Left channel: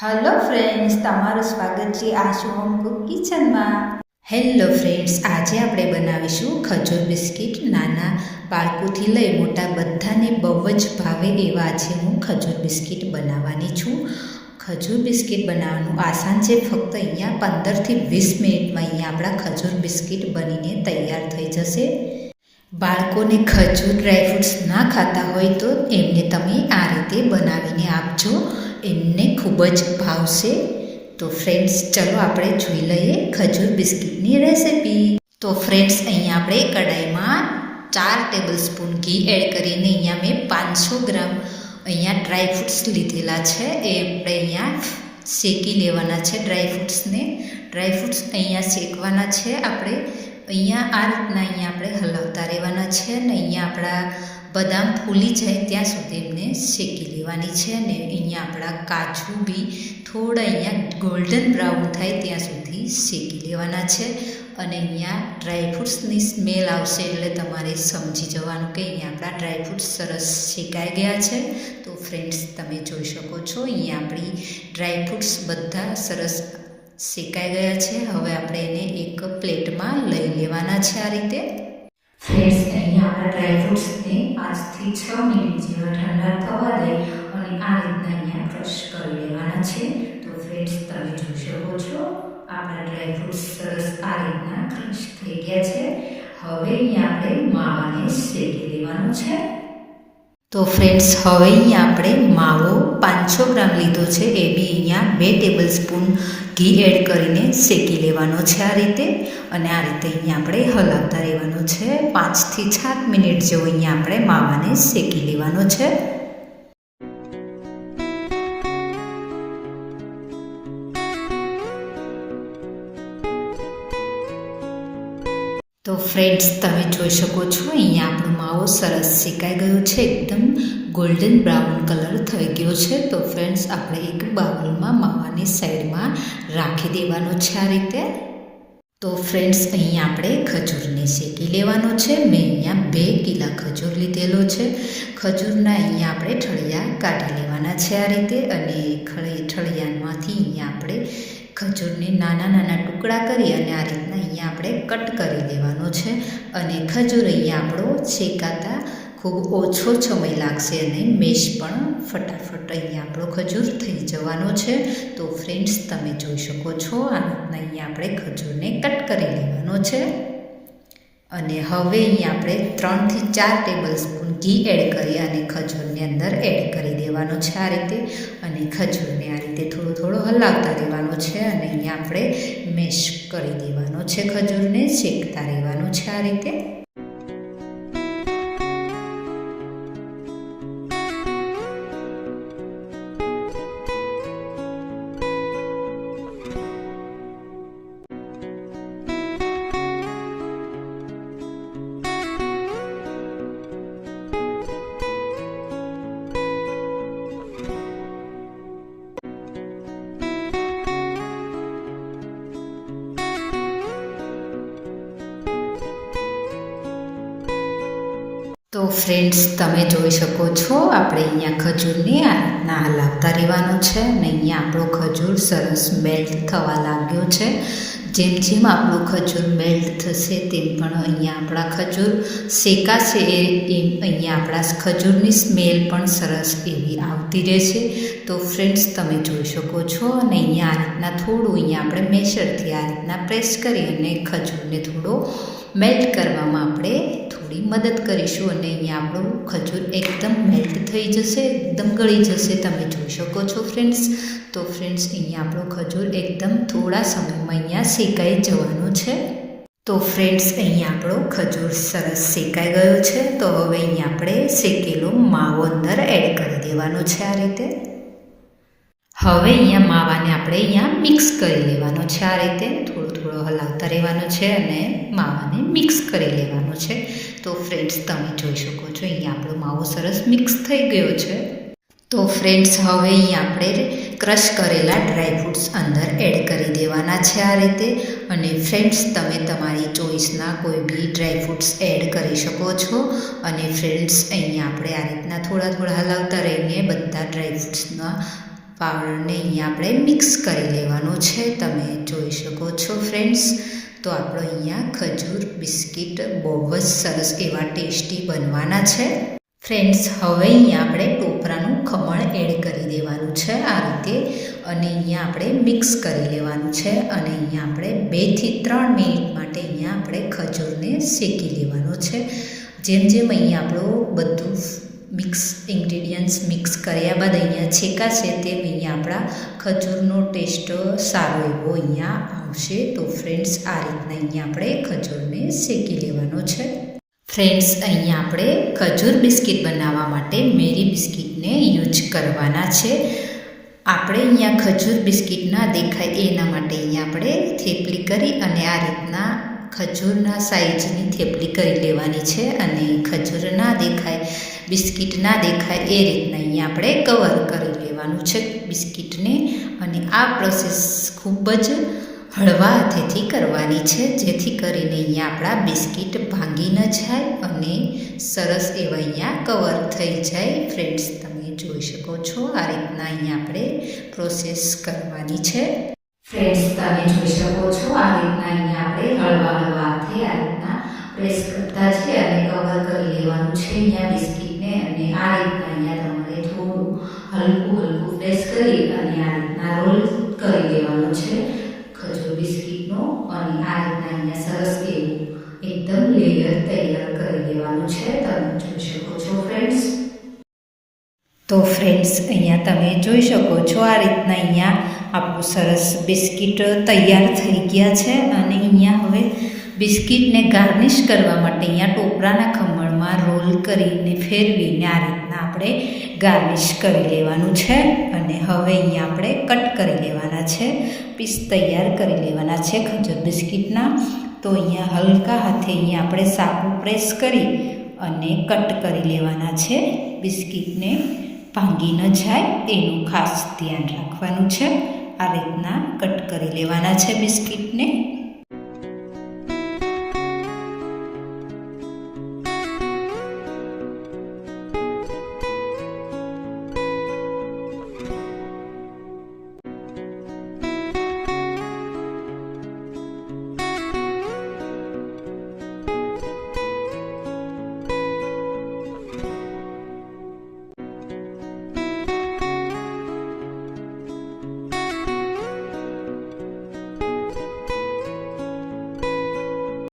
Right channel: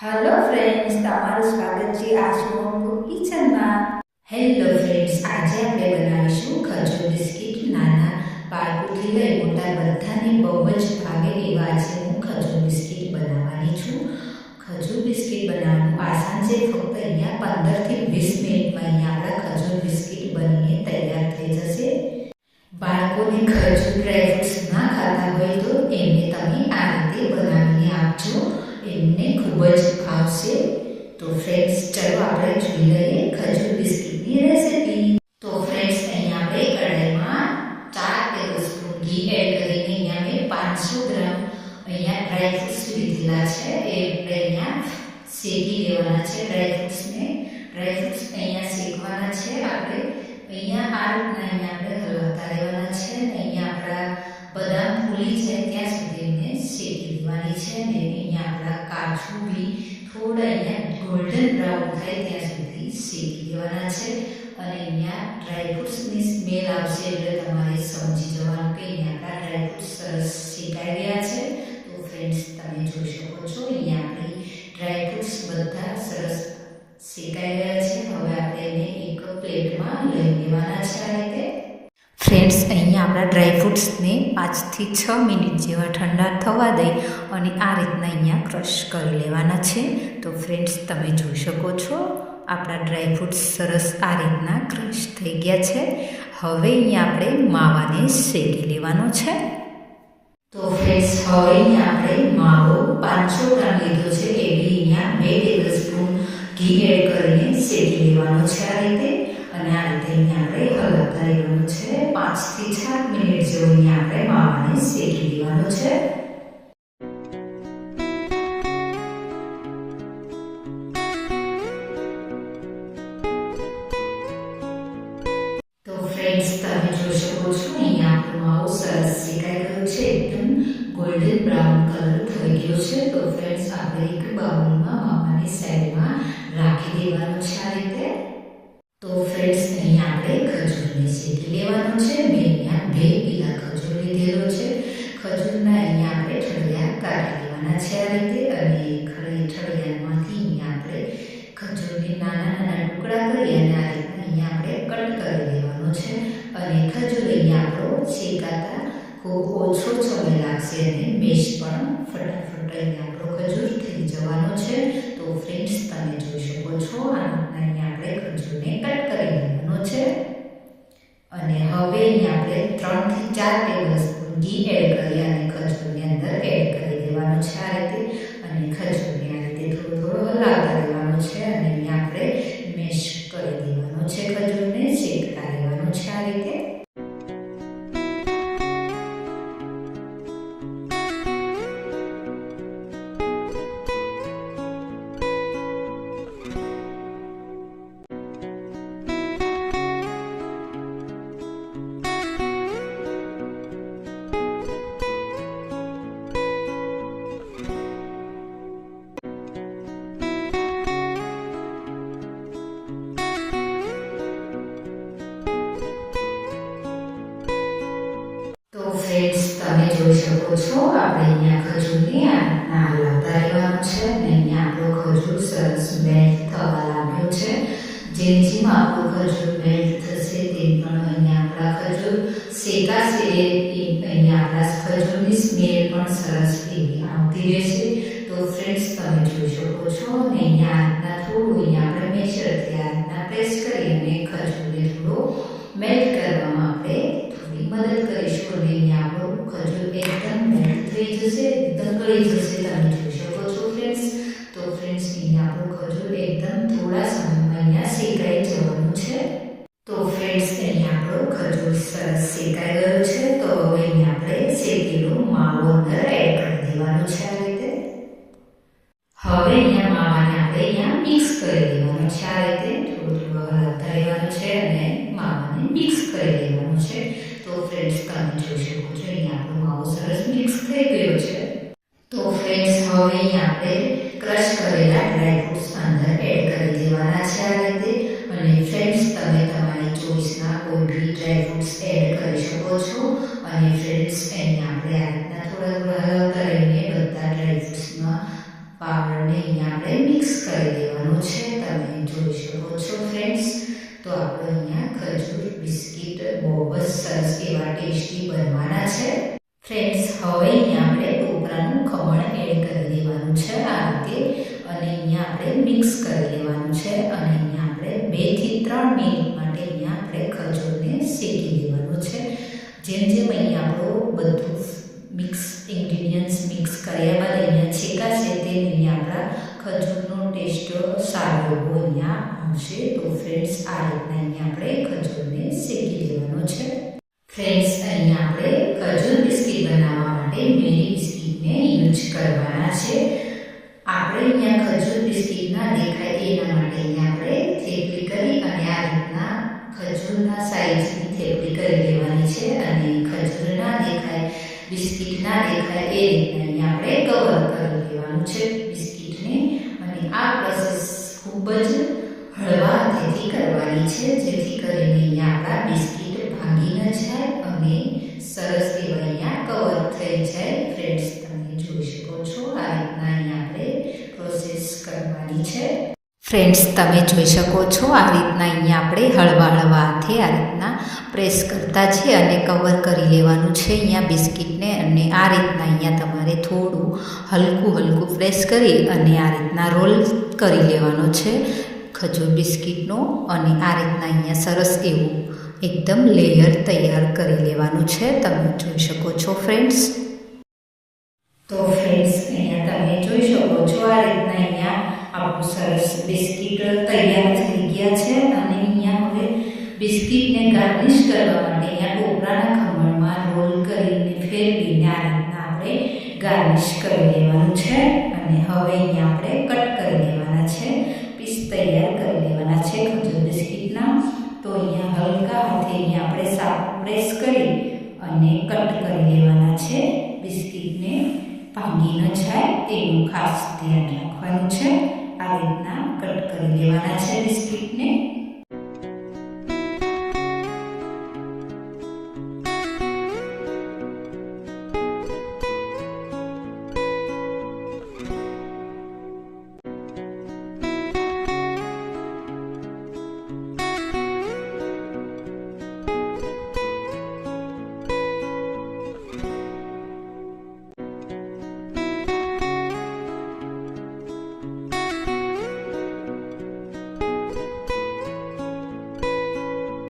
Hello friends, તમારું સ્વાગત છે આશુ હોમ કુક કિચનમાં. હેલો ફ્રેન્ડ્સ, આજે આપણે બનાવીશું ખજૂર બિસ્કિટ. નાના બાળકોથી લઈ મોટા બધાને બહુ જ ભાવે એવા આજે હું ખજૂર બિસ્કિટ બનાવવાની છું. ખજૂર બિસ્કિટ બનાવવાનું આસાન છે. ફક્ત અહીંયા 15થી 20 મિનિટમાં અહીંયા આપણા ખજૂર બિસ્કિટ બનીને તૈયાર થઈ જશે. બાળકોને ખજૂર ડ્રાયફ્રૂટ્સ ના ખાતા હોય તો એમને તમે આ રીતે બનાવીને આપજો, એમને ખૂબ જ ભાવશે. તો ફ્રેન્ડ્સ, ચલો આપણે જોઈ લઈએ ખજૂર બિસ્કિટની રેસિપી. તો ફ્રેન્ડ્સ, અહીંયા આપણે કઢાઈમાં 4 ટેબલ સ્પૂન ઘી એડ કરીને અહીંયા મેં 500 ગ્રામ અહીંયા ડ્રાયફ્રૂટ્સ લીધેલા છે. એ આપણે અહીંયા શેકી લેવાના છે. ડ્રાયફ્રૂટ્સ અહીંયા શેકવાના છે. આપણે અહીંયા આ રીતના અહીંયા આપણે હલાવતા રહેવાના છે અને અહીંયા આપણા બદામ ફૂલી જાય ત્યાં સુધી એમને શેકી લેવાની છે. અને અહીંયા આપણા કાજુ બી થોડા અહીંયા ગોલ્ડન બ્રાઉન થાય ત્યાં સુધી શેકી લેવાના છે. અને અહીંયા ડ્રાયફ્રૂટ્સની સ્મેલ આવશે એટલે તમારે સમજી જવાનું કે અહીંયા આપણા ડ્રાયફ્રૂટ્સ સરસ શેકાઈ ગયા છે. તો ફ્રેન્ડ્સ, તમે જોઈ શકો છો અહીંયા આપણી ડ્રાયફ્રૂટ્સ બધા સરસ શેકાઈ ગયા છે. હવે આપણે એને એક પ્લેટમાં લઈ લેવાના છે આ રીતે. ફ્રેન્ડ્સ, અહીંયા આપણા ડ્રાયફ્રૂટ્સને 5થી 6 મિનિટ જેવા ઠંડા થવા દઈ અને આ રીતના અહીંયા ક્રશ કરી લેવાના છે. તો ફ્રેન્ડ્સ, તમે જોઈ શકો છો આપણા ડ્રાયફ્રૂટ્સ સરસ આ રીતના ક્રશ થઈ ગયા છે. હવે અહીંયા આપણે માવાને શેકી લેવાનો છે. તો ફ્રેન્ડ્સ, હવે અહીંયા આપણે માવો 500 ગ્રામ લીધો છે. એ બી અહીંયા 2 ટેબલ સ્પૂન ઘી એડ કરીને શેકી લેવાનો છે આ રીતે. અને આ રીતે અહીંયા આપણે હલાવતા રહેવાનું છે. 5થી 4 મિનિટ જેવો અહીંયા આપણે માવાને શેકી લેવાનો છે. તો ફ્રેન્ડ્સ, તમે જોઈ શકો છો અહીંયા આપણો માવો સરસ શેકાઈ ગયો છે. એકદમ ગોલ્ડન બ્રાઉન કલર થઈ ગયો છે. તો ફ્રેન્ડ્સ, આપણે એક બાઉલમાં માવાની સાઈડમાં રાખી દેવાનો છે આ રીતે. તો ફ્રેન્ડ્સ, અહીંયા આપણે ખજૂરને શેકી લેવાનો છે. મેં અહીંયા 2 કિલા ખજૂર લીધેલો છે. ખજૂરના અહીંયા આપણે ઠળિયા કાઢી લેવાના છે આ રીતે. અને ઠળિયામાંથી અહીંયા આપણે ખજૂરને નાના નાના ટુકડા કરી અને આ રીતના અહીંયા આપણે કટ કરી લેવાનો છે. અને ખજૂર અહીંયા આપણો શેકાતા ખૂબ ઓછો સમય લાગશે અને મેશ પણ ફટાફટ અહીંયા આપણો ખજૂર થઈ જવાનો છે. તો ફ્રેન્ડ્સ, તમે જોઈ શકો છો આ રીતના અહીંયા આપણે ખજૂરને કટ કરી લેવાનો છે. અને હવે અહીંયા આપણે 3થી 4 ટેબલ સ્પૂન ઘી એડ કરી અને ખજૂરની અંદર એડ કરી દેવાનો છે આ રીતે. અને ખજૂરને આ રીતે થોડો થોડો હલાવતા રહેવાનો છે. અને અહીંયા આપણે મેશ કરી દેવાનો છે. ખજૂરને શેકતા રહેવાનું છે આ રીતે. તો ફ્રેન્ડ્સ, તમે જોઈ શકો છો આપણે અહીંયા ખજૂરને આ રીતના હલાવતા રહેવાનું છે. અને અહીંયા આપણો ખજૂર સરસ મેલ્ટ થવા લાગ્યો છે. જેમ જેમ આપણો ખજૂર મેલ્ટ થશે તેમ પણ અહીંયા આપણા ખજૂર શેકાશે એ અહીંયા આપણા ખજૂરની સ્મેલ પણ સરસ એવી આવતી રહેશે. તો ફ્રેન્ડ્સ, તમે જોઈ શકો છો. અને અહીંયા આ રીતના થોડું અહીંયા આપણે મેશરથી આ રીતના પ્રેસ કરી અને ખજૂરને થોડો મેલ્ટ કરવામાં આપણે થોડી મદદ કરીશું. અને અહીંયા આપણો ખજૂર એકદમ મેલ્ટ થઈ જશે, એકદમ ગળી જશે. તમે જોઈ શકો છો ફ્રેન્ડ્સ. તો ફ્રેન્ડ્સ, અહીંયા આપણો ખજૂર એકદમ થોડા સમયમાં અહીંયા શેકાઈ જવાનો છે. તો ફ્રેન્ડ્સ, અહીંયા આપણો ખજૂર સરસ શેકાઈ ગયો છે. તો હવે અહીંયા આપણે શેકેલો માવો અંદર એડ કરી દેવાનો છે આ રીતે. હવે અહીંયા માવાને આપણે અહીંયા મિક્સ કરી લેવાનો છે આ રીતે. થોડો થોડો હલાવતા રહેવાનો છે અને માવાને મિક્સ કરી લેવાનો છે. તો ફ્રેન્ડ્સ, તમે જોઈ શકો છો અહીંયા આપણો માવો સરસ મિક્સ થઈ ગયો છે. તો ફ્રેન્ડ્સ, હવે અહીંયા આપણે ક્રશ કરેલા ડ્રાયફ્રૂટ્સ અંદર એડ કરી દેવાના છે આ રીતે. અને ફ્રેન્ડ્સ, તમે તમારી ચોઈસના કોઈ બી ડ્રાયફ્રૂટ્સ એડ કરી શકો છો. અને ફ્રેન્ડ્સ, અહીંયા આપણે આ રીતના થોડા થોડા હલાવતા રહીને બધા ડ્રાયફ્રૂટ્સના પાવડરને અહીંયા આપણે મિક્સ કરી લેવાનું છે. તમે જોઈ શકો છો ફ્રેન્ડ્સ. તો આપણો અહીંયા ખજૂર બિસ્કિટ બહુ જ સરસ એવા ટેસ્ટી બનવાના છે. ફ્રેન્ડ્સ, હવે અહીંયા આપણે ટોપરાનું ખમણ એડ કરી દેવાનું છે આ રીતે, અને અહીંયા આપણે મિક્સ કરી લેવાનું છે. અને અહીંયા આપણે 2 થી 3 મિનિટ માટે અહીંયા આપણે ખજૂરને શેકી લેવાનું છે. જેમ જેમ અહીંયા આપણું બધું ઇન્ગ્રીડિયન્ટ્સ મિક્સ કર્યા બાદ અહીંયા છેકાશે તેમ અહીંયા આપણા ખજૂરનો ટેસ્ટ સારો એવો અહીંયા આવશે. તો ફ્રેન્ડ્સ, આ રીતના અહીંયા આપણે ખજૂરને શેકી લેવાનો છે. ફ્રેન્ડ્સ, અહીંયા આપણે ખજૂર બિસ્કિટ બનાવવા માટે મેરી બિસ્કિટને યુઝ કરવાના છે. આપણે અહીંયા ખજૂર બિસ્કિટ ના દેખાય એના માટે અહીંયા આપણે થેપલી કરી અને આ રીતના ખજૂરના સાઈઝની થેપલી કરી લેવાની છે. અને ખજૂર ના દેખાય, બિસ્કિટ ના દેખાય એ રીતના અહીંયા આપણે કવર કરી લેવાનું છે બિસ્કિટને. અને આ પ્રોસેસ ખૂબ જ હળવા હાથેથી કરવાની છે, જેથી કરીને અહીંયા આપણા બિસ્કિટ ભાંગી ન જાય અને સરસ એવા અહીંયા કવર થઈ જાય. ફ્રેન્ડ્સ, તમે જોઈ શકો છો આ રીતના અહીંયા આપણે પ્રોસેસ કરવાની છે. ફ્રેન્ડ્સ, તમે જોઈ શકો છો આ રીતના અહીંયા આપણે હળવા હાથે આ રીતના પ્રેસ કરતા છે અને કવર કરી લેવાનું છે અહીંયા બિસ્કિટને. અને આ રીતના અહીંયા તમારે થોડું હલકું પ્રેસ કરી અને આ રીતના રોલ કરી લેવાનો છે ખજૂર બિસ્કિટનો. અને આ રીતના અહીંયા સરસ એવું એકદમ લેયર તૈયાર કરી લેવાનું છે. તમે જોઈ શકો છો ફ્રેન્ડ્સ. તો ફ્રેન્ડ્સ, અહીંયા તમે જોઈ શકો છો આ રીતના અહીંયા આપણું સરસ બિસ્કિટ તૈયાર થઈ ગયા છે. અને અહીંયા હવે બિસ્કિટને ગાર્નિશ કરવા માટે અહીંયા ટોપરાના ખમણમાં રોલ કરીને ફેરવીને આ રીતના આપણે ગાર્નિશ કરી લેવાનું છે. અને હવે અહીંયા આપણે કટ કરી લેવાના છે, પીસ તૈયાર કરી લેવાના છે ખજૂર બિસ્કિટના. તો અહીંયા હલકા હાથે અહીંયા આપણે સાકું પ્રેસ કરી અને કટ કરી લેવાના છે. બિસ્કિટને ભાંગી ન જાય એનું ખાસ ધ્યાન રાખવાનું છે. આ રીતના કટ કરી લેવાના છે બિસ્કિટને.